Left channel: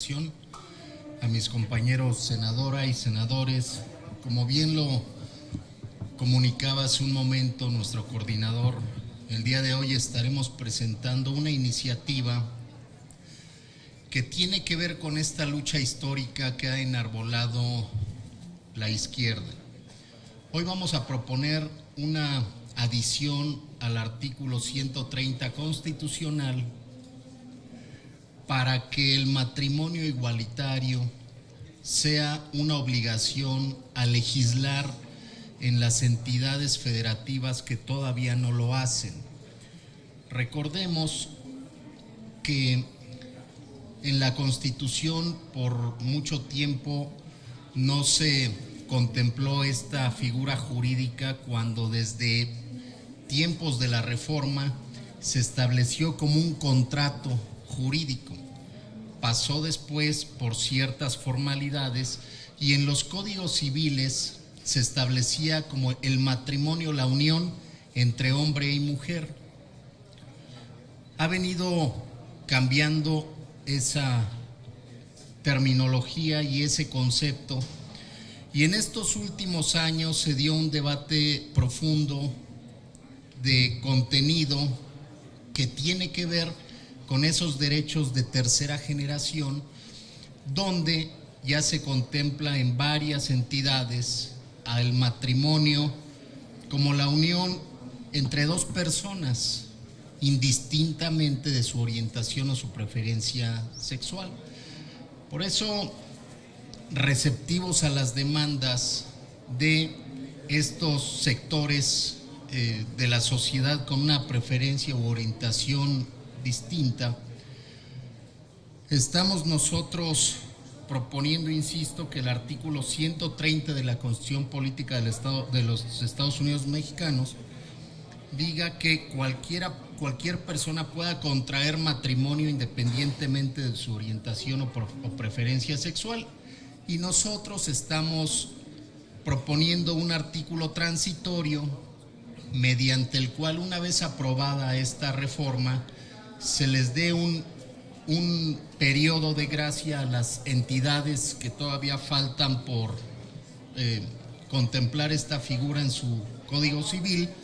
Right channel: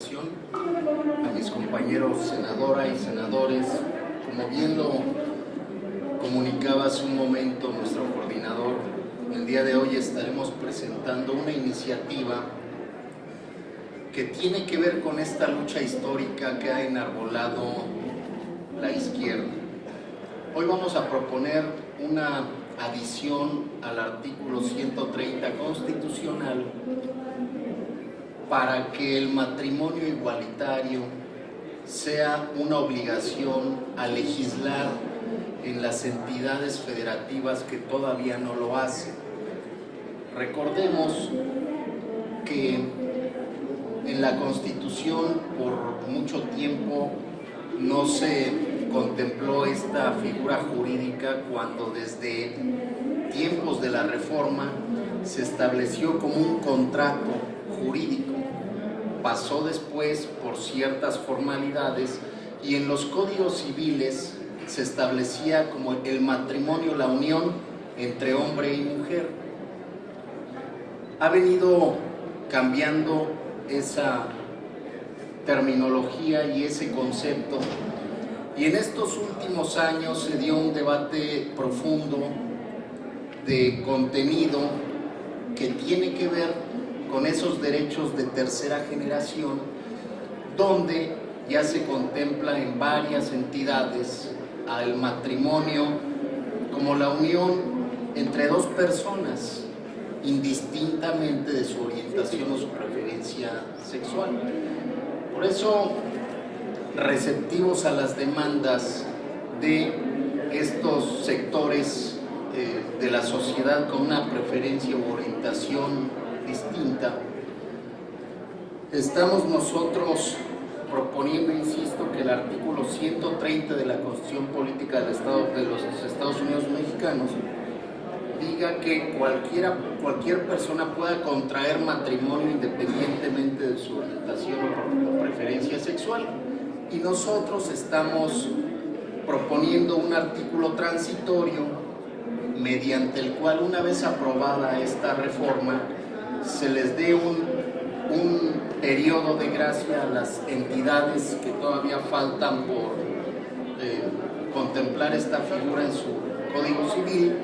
A mis compañeros senadora y senadores, como bien lo comunicaba hace un momento nuestro coordinador, el día de hoy estaremos presentando una iniciativa que tiene que ver con esta lucha histórica que ha enarbolado la izquierda. Hoy vamos a proponer una adición al artículo 130 constitucional para que el matrimonio igualitario sea una obligación a legislar en las entidades federativas que todavía no lo hacen. Recordemos que en la Constitución por mucho tiempo no se contempló esta figura jurídica cuando desde tiempos de la Reforma se estableció como un contrato jurídico. Pasó después por ciertas formalidades y en los códigos civiles se establecía como el matrimonio, la unión entre hombre y mujer. Ha venido cambiando esa terminología y ese concepto, y en estos últimos años se dio un debate profundo de contenido que tiene que ver con esos derechos de tercera generación, donde ya se contempla en varias entidades al matrimonio como la unión entre dos personas, indistintamente de su orientación o su preferencia sexual. Por eso, receptivos a las demandas de estos sectores de la sociedad con una preferencia u orientación distinta, estamos nosotros proponiendo, insisto, que el artículo 130 de la Constitución Política de los Estados Unidos Mexicanos diga que cualquier persona pueda contraer matrimonio independientemente de su orientación o preferencia sexual. Y nosotros estamos proponiendo un artículo transitorio mediante el cual, una vez aprobada esta reforma, se les dé un periodo de gracia a las entidades que todavía faltan por contemplar esta figura en su Código Civil,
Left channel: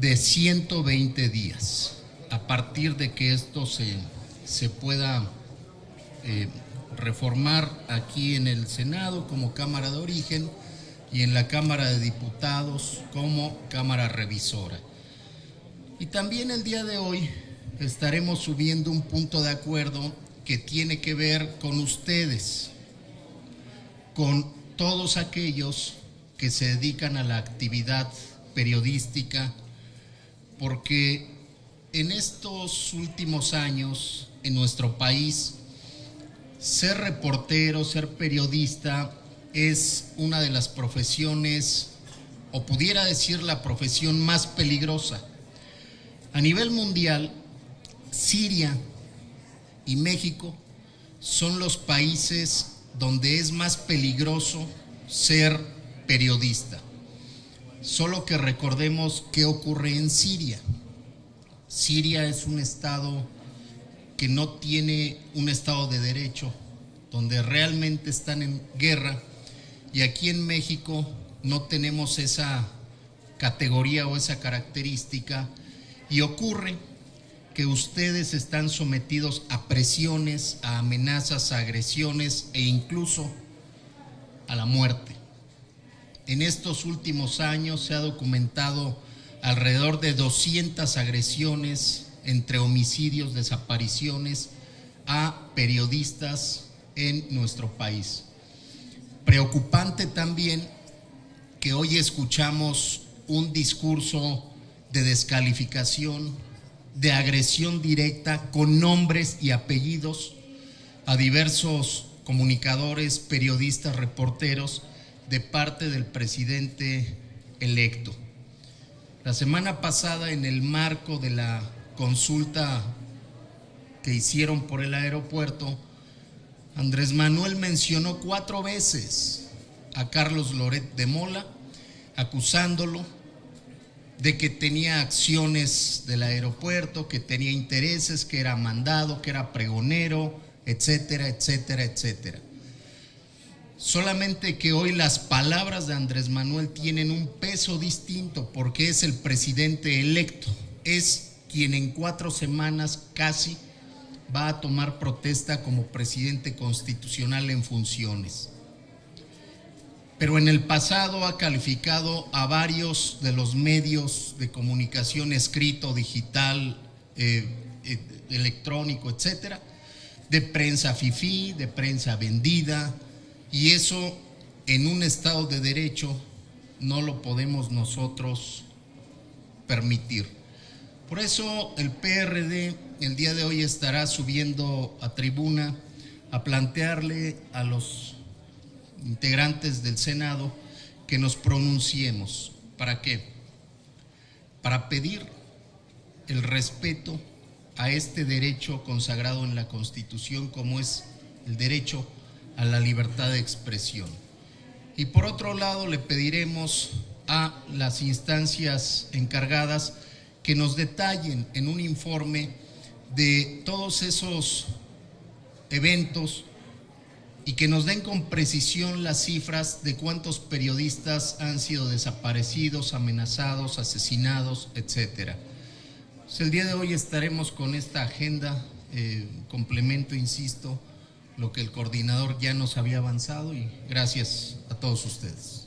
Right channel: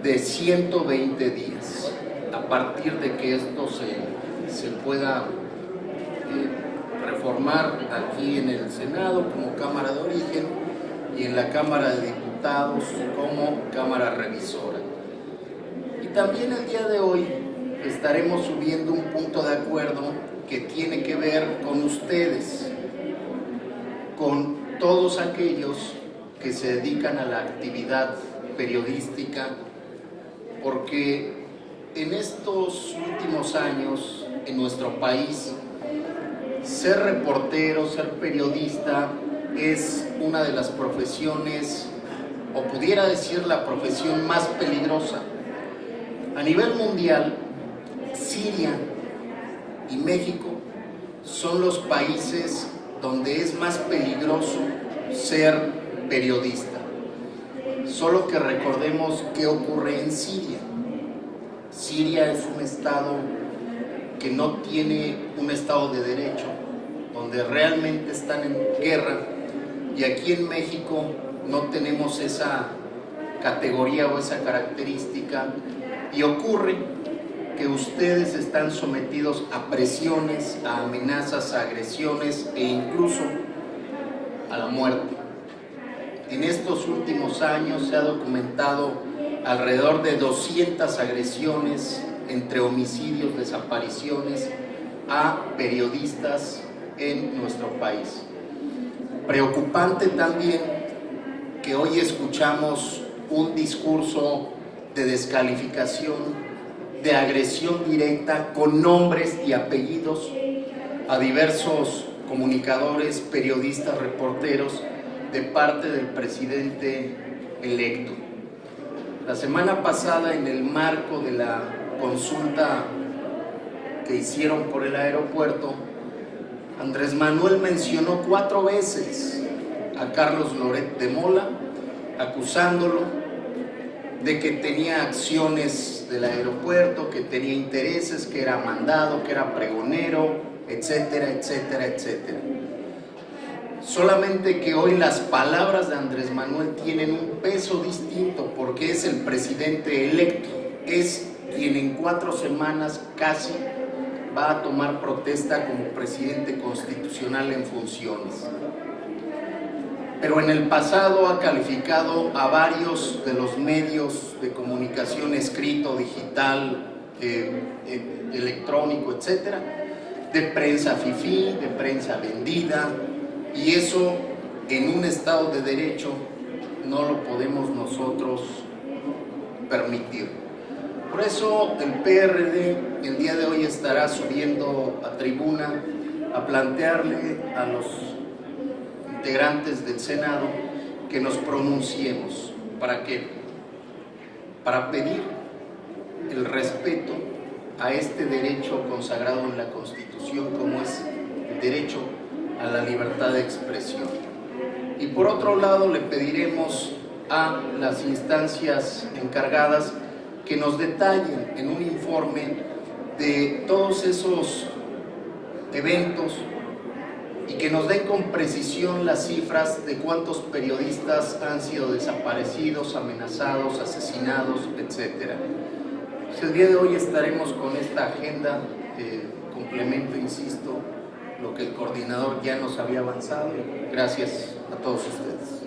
de 120 días, a partir de que esto se pueda reformar aquí en el Senado como Cámara de Origen y en la Cámara de Diputados como Cámara Revisora. Y también el día de hoy estaremos subiendo un punto de acuerdo que tiene que ver con ustedes, con todos aquellos que se dedican a la actividad periodística, porque en estos últimos años en nuestro país ser reportero, ser periodista es una de las profesiones, o pudiera decir la profesión más peligrosa. A nivel mundial, Siria y México son los países donde es más peligroso ser periodista. Solo que recordemos qué ocurre en Siria. Siria es un estado que no tiene un estado de derecho, donde realmente están en guerra, y aquí en México no tenemos esa categoría o esa característica, y ocurre que ustedes están sometidos a presiones, a amenazas, a agresiones e incluso a la muerte. En estos últimos años se ha documentado alrededor de 200 agresiones entre homicidios, desapariciones a periodistas en nuestro país. Preocupante también que hoy escuchamos un discurso de descalificación, de agresión directa con nombres y apellidos a diversos comunicadores, periodistas, reporteros de parte del presidente electo. La semana pasada, en el marco de la consulta que hicieron por el aeropuerto, Andrés Manuel mencionó 4 veces a Carlos Loret de Mola, acusándolo de que tenía acciones del aeropuerto, que tenía intereses, que era mandado, que era pregonero, etcétera, etcétera, etcétera. Solamente que hoy las palabras de Andrés Manuel tienen un peso distinto porque es el presidente electo, es quien en 4 semanas casi va a tomar protesta como presidente constitucional en funciones. Pero en el pasado ha calificado a varios de los medios de comunicación escrito, digital, electrónico, etcétera, de prensa fifí, de prensa vendida, y eso en un Estado de Derecho no lo podemos nosotros permitir. Por eso el PRD el día de hoy estará subiendo a tribuna a plantearle a los integrantes del Senado que nos pronunciemos. ¿Para qué? Para pedir el respeto a este derecho consagrado en la Constitución como es el derecho a la libertad de expresión. Y por otro lado le pediremos a las instancias encargadas que nos detallen en un informe de todos esos eventos y que nos den con precisión las cifras de cuántos periodistas han sido desaparecidos, amenazados, asesinados, etc. Pues el día de hoy estaremos con esta agenda, complemento, insisto, lo que el coordinador ya nos había avanzado, y gracias a todos ustedes.